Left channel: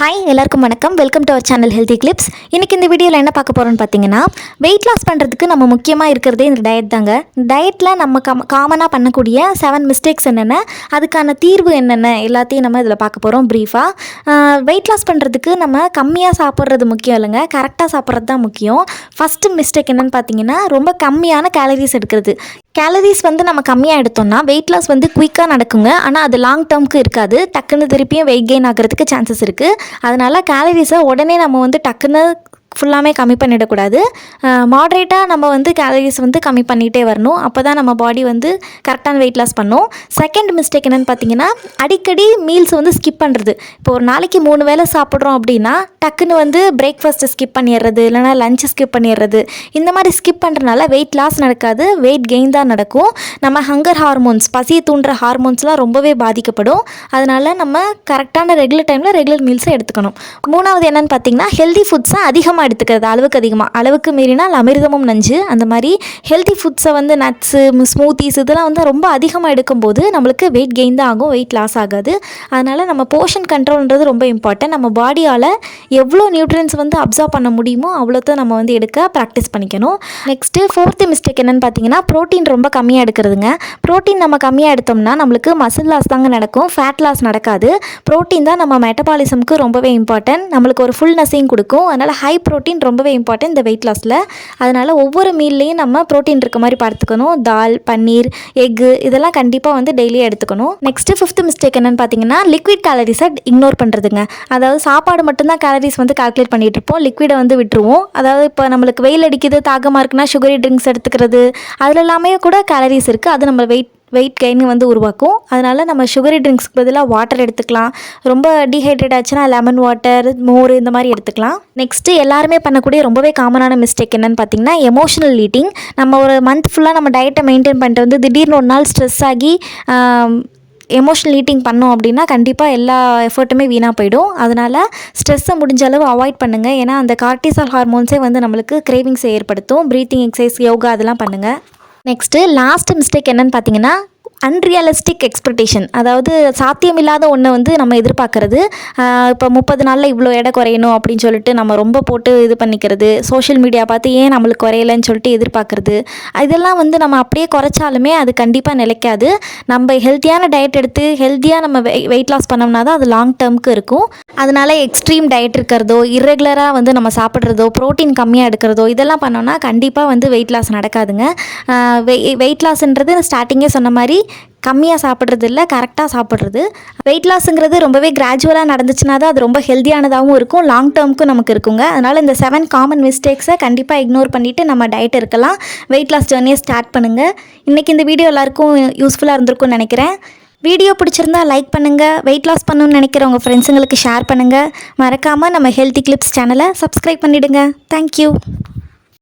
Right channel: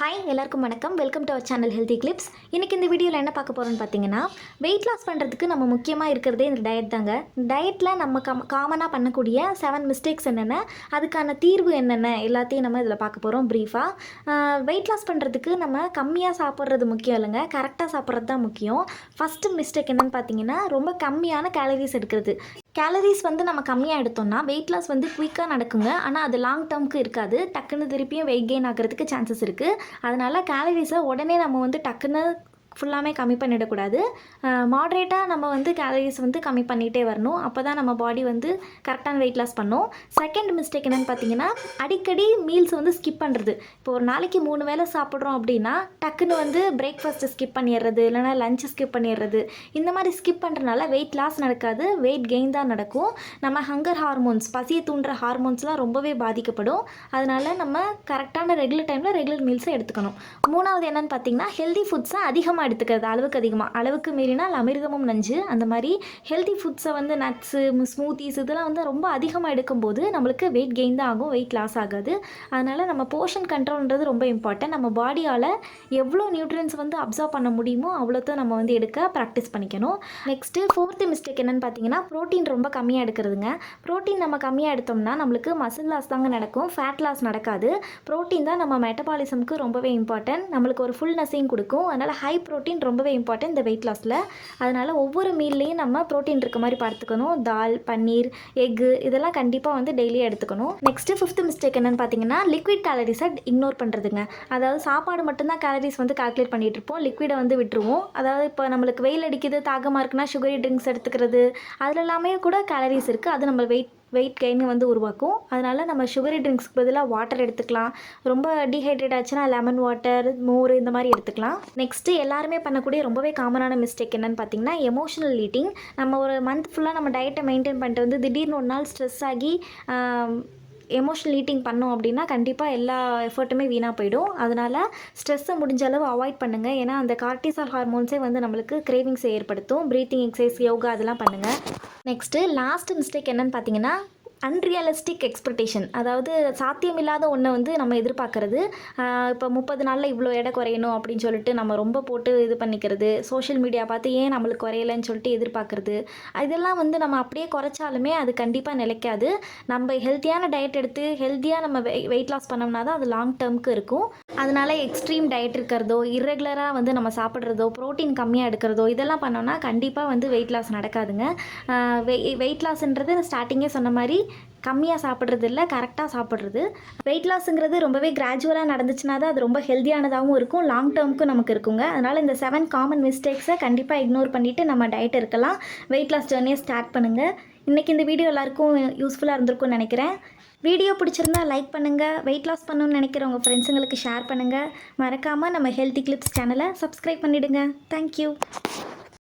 Hi எல்லாருக்கும் வணக்கம். Welcome to our channel Healthy Clips. இன்றைக்கி இந்த வீடியோவில் என்ன பார்க்க போகிறோன்னு பார்த்தீங்கன்னா, வெயிட் லாஸ் பண்ணுறதுக்கு நம்ம முக்கியமாக இருக்கிறதே இந்த டயட் தாங்க. டயட்டில் நம்ம காமனாக பண்ணக்கூடிய 7 மிஸ்டேக்ஸ் என்னென்ன, அதுக்கான தீர்வு என்னென்ன எல்லாத்தையும் நம்ம இதில் பார்க்க போகிறோம் ப்ரீஃபாக. வெயிட் லாஸ் பண்ணுறதுக்கு நம்ம கம்மியாக சாப்பிட்றது முக்கியம் இல்லைங்க, கரெக்டாக சாப்பிட்றது தான் முக்கியம். ஃபஸ்ட்டு மிஸ்டேக் என்னென்னு பார்த்தீங்கன்னா, ரொம்ப கம்மியான கேலரிஸ் எடுக்கிறது. கேலரிஸ் நம்ம கம்மியாக எடுத்தோம்னா வெயிட் லாஸ் குயிக்காக நடக்குங்க. ஆனால் அது லாங் டேர்முக்கு இருக்காது. டக்குன்னு திருப்பியும் வெயிட் கெயின் ஆகிறதுக்கு சான்சஸ் இருக்குது. அதனால் கேலரிஸை உடனே நம்ம டக்குன்னு ஃபுல்லாமே கம்மி பண்ணிடக்கூடாது. மாட்ரேட்டாக நம்ம கேலரிஸ் கம்மி பண்ணிகிட்டே வரணும். அப்போ தான் நம்ம பாடி கரெக்டான வெயிட் லாஸ் பண்ணும். செகண்ட் மிஸ்டேக் என்னென்னு பார்த்தீங்கன்னா, அடிக்கடி மீல்ஸ் ஸ்கிப் பண்ணுறது. இப்போ ஒரு நாளைக்கு 3 வேளை சாப்பிட்றோம் அப்படின்னா டக்குன்னு பிரேக்ஃபாஸ்ட்டு ஸ்கிப் பண்ணிடுறது, இல்லைனா லஞ்சு ஸ்கிப் பண்ணிடுறது. இந்த மாதிரி ஸ்கிப் பண்ணுறதுனால வெயிட் லாஸ் நடக்காது, வெயிட் கெயின் தான் நடக்கும். நம்ம ஹங்கர் ஹார்மோன்ஸ், பசியை தூண்டுற ஹார்மோன்ஸ்லாம் ரொம்பவே பாதிக்கப்படும். அதனால் நம்ம கரெக்டான ரெகுலர் டைமில் ரெகுலர் மீல்ஸை எடுத்துக்கணும். மூணாவது என்னென்னு பார்த்தீங்கன்னா, ஹெல்தி ஃபுட்ஸை அதிகமாக எடுத்துக்கிறது. அளவுக்கு மீறினால் அமிர்தமும் நஞ்சு. அந்த மாதிரி ஹெல்தி ஃபுட்ஸை நட்ஸு, ஸ்மூத்திஸ் இதெல்லாம் ரொம்ப அதிகமாக எடுக்கும்போது நம்மளுக்கு வெயிட் கெயின் தான் ஆகும், வெயிட் லாஸ் ஆகாது. அதனால் நம்ம போர்ஷன் கண்ட்ரோல்ன்றது ரொம்ப இம்பார்ட்டன்ட். நம்ம பாடியால் எவ்வளோ நியூட்ரியன்ஸ் அப்சர்வ் பண்ண முடியுமோ அவ்வளோதான் நம்ம எடுக்க ப்ராக்டிஸ் பண்ணிக்கணும். நெக்ஸ்ட்டு 4th மிஸ்டேக் என்னென்னு பார்த்தீங்கன்னா, ப்ரோட்டீன் ரொம்ப கம்மியாக எடுக்கிறதுங்க. ப்ரோட்டீன் நம்ம கம்மியாக எடுத்தோம்னா நம்மளுக்கு மசில் லாஸ் தாங்க நடக்கும், ஃபேட் லாஸ் நடக்காது. ப்ரோட்டீன் தான் நம்ம மெட்டபாலிசம்க்கு ரொம்பவே இம்பார்ட்டன்ட். நம்மளுக்கு ஒரு ஃபுல்னஸையும் கொடுக்கும். அதனால் ஹை ப்ரோட்டீன் ரொம்பவே இம்பார்ட்டன்ட் இந்த வெயிட் லாஸில். அதனால் ஒவ்வொரு மீல்லையும் நம்ம ப்ரோட்டீன் இருக்க மாதிரி பார்த்துக்கணும். தால், பன்னீர், எக்கு இதெல்லாம் கண்டிப்பாக டெய்லியும் எடுத்துக்கணும். நெக்ஸ்ட்டு 5th மிஸ்டேக் என்னென்னு பார்த்தீங்கன்னா, லிக்விட் கேலரிஸை இக்னோர் பண்ணுறதுங்க. அதாவது சாப்பாடு மட்டும்தான் கேலரிஸ் கால்குலேட் பண்ணிகிட்டு இருப்போம், லிக்விடை விட்டுருவோம். அதாவது இப்போ நம்மளுக்கு வெயில் அடிக்குது, தாகமாக இருக்குன்னா சுகரி ட்ரிங்க்ஸ் எடுத்துக்கிறது, அதில் எல்லாமே கூட கேலரிஸ் இருக்குது. அது நம்ம வெயிட் கெயின் உருவாக்கும். அதனால் நம்ம சுகரி ட்ரிங்க்ஸ்க்கு பதிலாக வாட்டர் எடுத்துக்கலாம். ரொம்ப டீஹைட்ரேட் ஆச்சுன்னா லெமன் வாட்டர், மோர் இந்த மாதிரி எடுத்துக்கலாம். நெக்ஸ்ட்டு எல்லாருமே பண்ணக்கூடிய ரொம்பவே காமனான மிஸ்டேக் என்னென்னு பார்த்தீங்கன்னா, எமோஷனல் ஈட்டிங். நம்ம ஒரு மந்த் ஃபுல்லாக நம்ம டயட்டை மெயின்டைன் பண்ணிட்டு திடீர்னு ஒரு நாள் ஸ்ட்ரெஸ் ஆகி எமோஷனல் ஈட்டிங் பண்ணோம் அப்படின்னா கண்டிப்பாக எல்லா எஃபர்ட்டுமே வீணாக போயிடும். அதனால் ஸ்ட்ரெஸ்ஸை முடிஞ்ச அளவு அவாய்ட் பண்ணுங்கள். ஏன்னா அந்த கார்டிசால் ஹார்மோன்ஸே நம்மளுக்கு கிரேவிங்ஸை ஏற்படுத்தும். ப்ரீத்திங் எக்ஸசைஸ், யோகா அதெல்லாம் பண்ணுங்கள். நெக்ஸ்ட்டு லாஸ்ட் மிஸ்டேக் என்னென்னு பார்த்தீங்கன்னா, அன்ரியலிஸ்டிக் எக்ஸ்பெக்டேஷன். அதாவது சாத்தியமில்லாத ஒன்று நம்ம எதிர்பார்க்குறது. இப்போ 30 நாளில் இவ்வளோ எடை குறையணும் அப்படின்னு சொல்லிட்டு நம்ம ரொம்ப போட்டு இது பண்ணிக்கிறது, சோஷியல் மீடியா பார்த்து ஏன் நம்மளுக்கு குறையலைன்னு சொல்லிட்டு எதிர்பார்க்குறது. இதெல்லாம் நம்ம அப்படியே குறைச்சாலுமே அது கண்டிப்பாக நிலைக்காது. நம்ம ஹெல்த்தியான டயட் எடுத்து ஹெல்த்தியாக நம்ம வெயிட் லாஸ் பண்ணோம்னா தான் அது லாங் டேர்முக்கு இருக்கும். அதனால் எக்ஸ்ட்ரீம் டயட் இருக்கிறதோ, இர்ரெகுலராக நம்ம சாப்பிட்றதோ, ப்ரோட்டீன் கம்மியாக எடுக்கிறதோ இதெல்லாம் பண்ணோன்னா கண்டிப்பாக வெயிட் லாஸ் நடக்காதுங்க. வெயிட் லாஸ்ன்றது ஸ்டார்டிங்கே சொன்ன மாதிரி கம்மியாக சாப்பிட்றது இல்லை, கரெக்டாக சாப்பிட்றது. வெயிட் லாஸுங்கிறது ரொம்பவே கிராஜுவலாக நடந்துச்சுன்னா தான் அது ரொம்ப ஹெல்த்தியானதாகவும் இருக்கும், லாங் டேர்முக்கும் நமக்கு இருக்குங்க. அதனால் இந்த 7 காமன் மிஸ்டேக்ஸை கண்டிப்பாக இக்னோர் பண்ணிவிட்டு நம்ம டயட் இருக்கலாம். வெயிட் லாஸ் ஜர்னியை ஸ்டார்ட் பண்ணுங்கள். இன்றைக்கி இந்த வீடியோ எல்லாருக்கும் யூஸ்ஃபுல்லாக இருந்திருக்கும்னு நினைக்கிறேன். வீடியோ பிடிச்சிருந்தா லைக் பண்ணுங்கள். வெயிட் லாஸ் பண்ணணும்னு நினைக்கிற உங்கள் ஃப்ரெண்ட்ஸுங்களுக்கு ஷேர் பண்ணுங்கள். மறக்காமல் நம்ம ஹெல்தி கிளிப்ஸ் சேனலை சப்ஸ்கிரைப் பண்ணிவிடுங்க. தேங்க்யூ.